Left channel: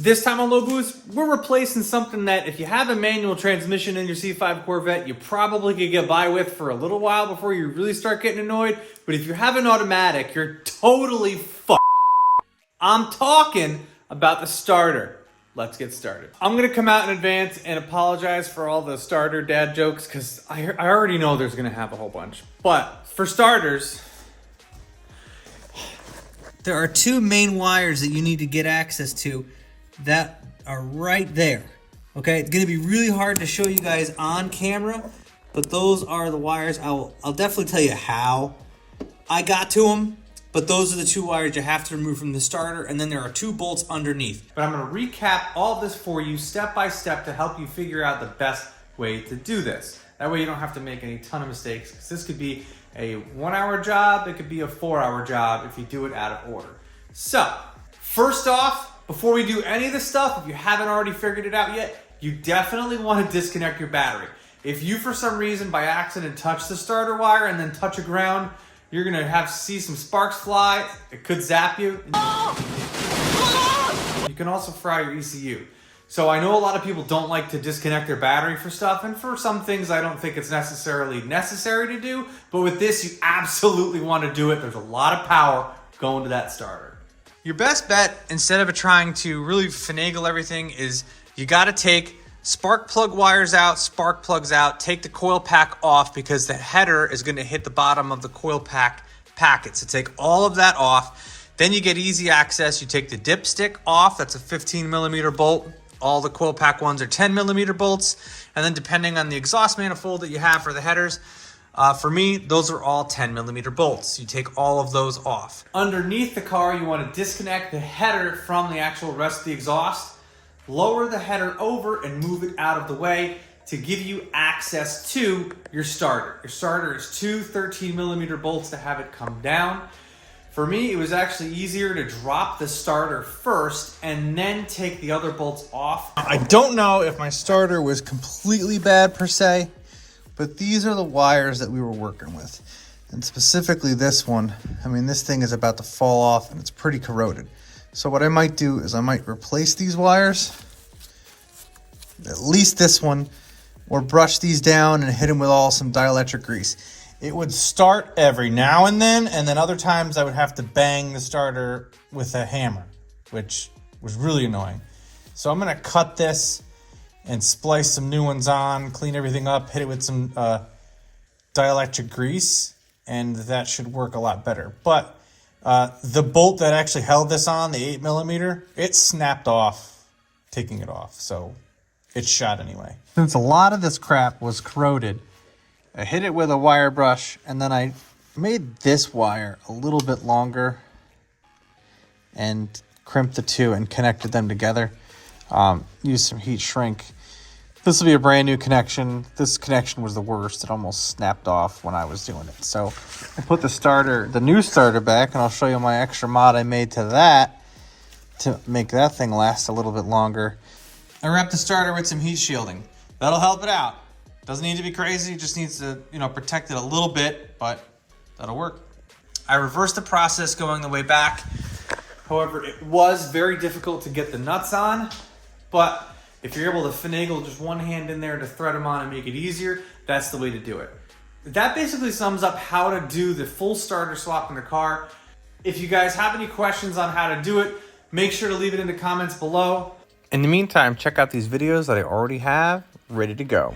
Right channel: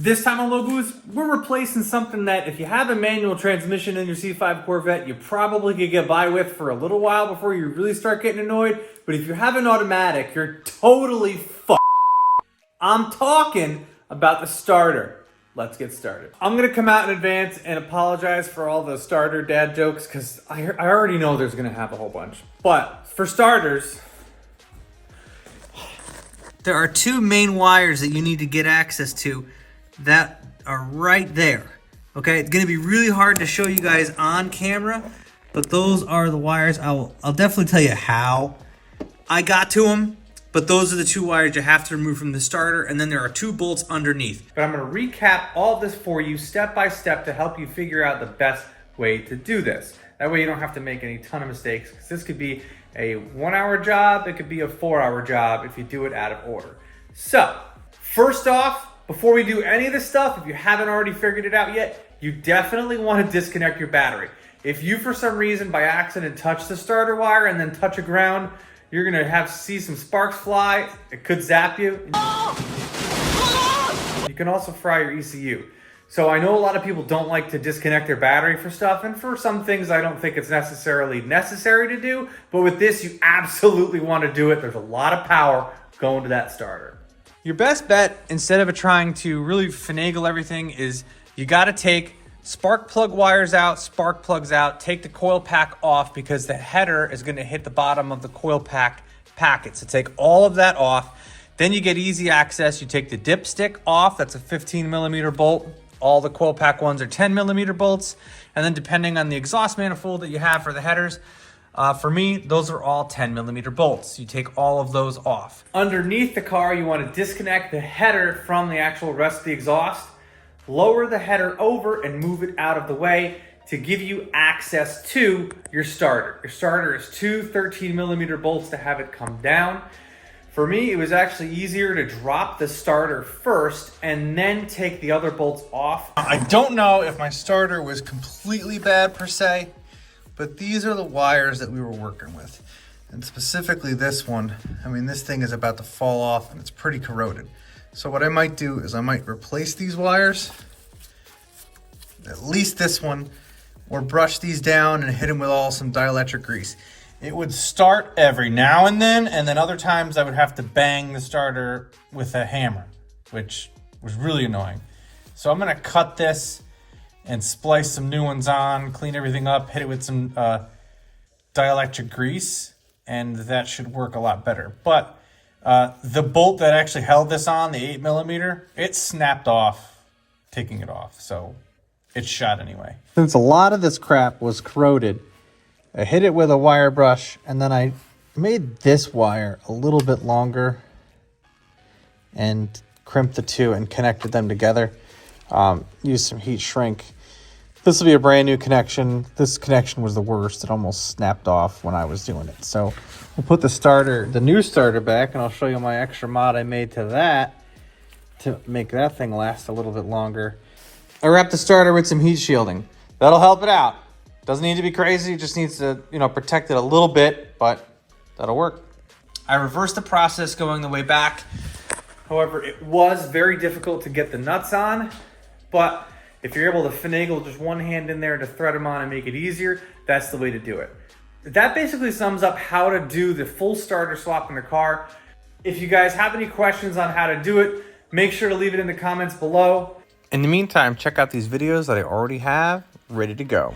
This time on Lobe, we're replacing something that if you have a manual transmission in your C5 Corvette, you probably could get by with for a little while before you really start getting annoyed. But if you have an automatic, you're totally fucked. I'm talking about the starter. Let's get started. I'm gonna come out in advance and apologize for all the starter dad jokes because I already know there's gonna have a whole bunch. But for starters, there are two main wires that you need to get access to that are right there. Okay, it's gonna be really hard to show you guys on camera, but those are the wires. I'll definitely tell you how I got to them, but those are the two wires you have to remove from the starter, and then there are two bolts underneath. But I'm gonna recap all this for you step by step to help you figure out the best way to do this. That way you don't have to make any ton of mistakes, because this could be a 1 hour job, it could be a 4 hour job if you do it out of order. So, first off, before we do any of this stuff, if you haven't already figured it out yet, you definitely want to disconnect your battery. If you, for some reason, by accident, touch the starter wire and then touch a ground, you're gonna have to see some sparks fly. It could zap you. You can also fry your ECU. So I know a lot of people don't like to disconnect their battery for stuff, and for some things I don't think it's necessarily necessary to do, but with this you absolutely want to do it. There's a lot of power going to that starter. Your best bet, instead of trying to really finagle everything, is you got to take spark plug wires out, spark plugs out, take the coil pack off, because the header is going to hit the bottom of the coil pack packet. So take all of that off. Then you get easy access. You take the dipstick off. That's a 15 millimeter bolt. All the coil pack ones are 10 millimeter bolts. And then depending on the exhaust manifold that you have for the headers, for me, those are all 10 millimeter bolts. You take all of those off. Underneath the car, you want to disconnect the header from the actual rest of the exhaust. Lower the header over and move it out of the way to give you access to your starter. Your starter is two 13 millimeter bolts to have it come down. For me, it was actually easier to drop the starter first and then take the other bolts off. I don't know if my starter was completely bad per se, but these are the wires that we were working with. And specifically this one, I mean, this thing is about to fall off and it's pretty corroded. So what I might do is I might replace these wires, at least this one, or brush these down and hit them with some dielectric grease. It would start every now and then other times I would have to bang the starter with a hammer, which was really annoying. So I'm gonna cut this and splice some new ones on, clean everything up, hit it with some dielectric grease, and that should work a lot better. But the bolt that actually held this on, the 8 millimeter, it snapped off taking it off, so it's shot anyway. Since a lot of this crap was corroded, I hit it with a wire brush, and then I made this wire a little bit longer and crimped the two and connected them together. Used some heat shrink. This will be a brand new connection. This connection was the worst. It almost snapped off when I was doing it. So I put the new starter back, and I'll show you my extra mod I made to that to make that thing last a little bit longer. I wrapped the starter with some heat shielding. That'll help it out. Doesn't need to be crazy, it just needs to, protect it a little bit, but that'll work. I reversed the process going the way back. However, it was very difficult to get the nuts on, but if you're able to finagle just one hand in there to thread them on and make it easier, that's the way to do it. That basically sums up how to do the full starter swap in the car. If you guys have any questions on how to do it, make sure to leave it in the comments below. In the meantime, check out these videos that I already have ready to go.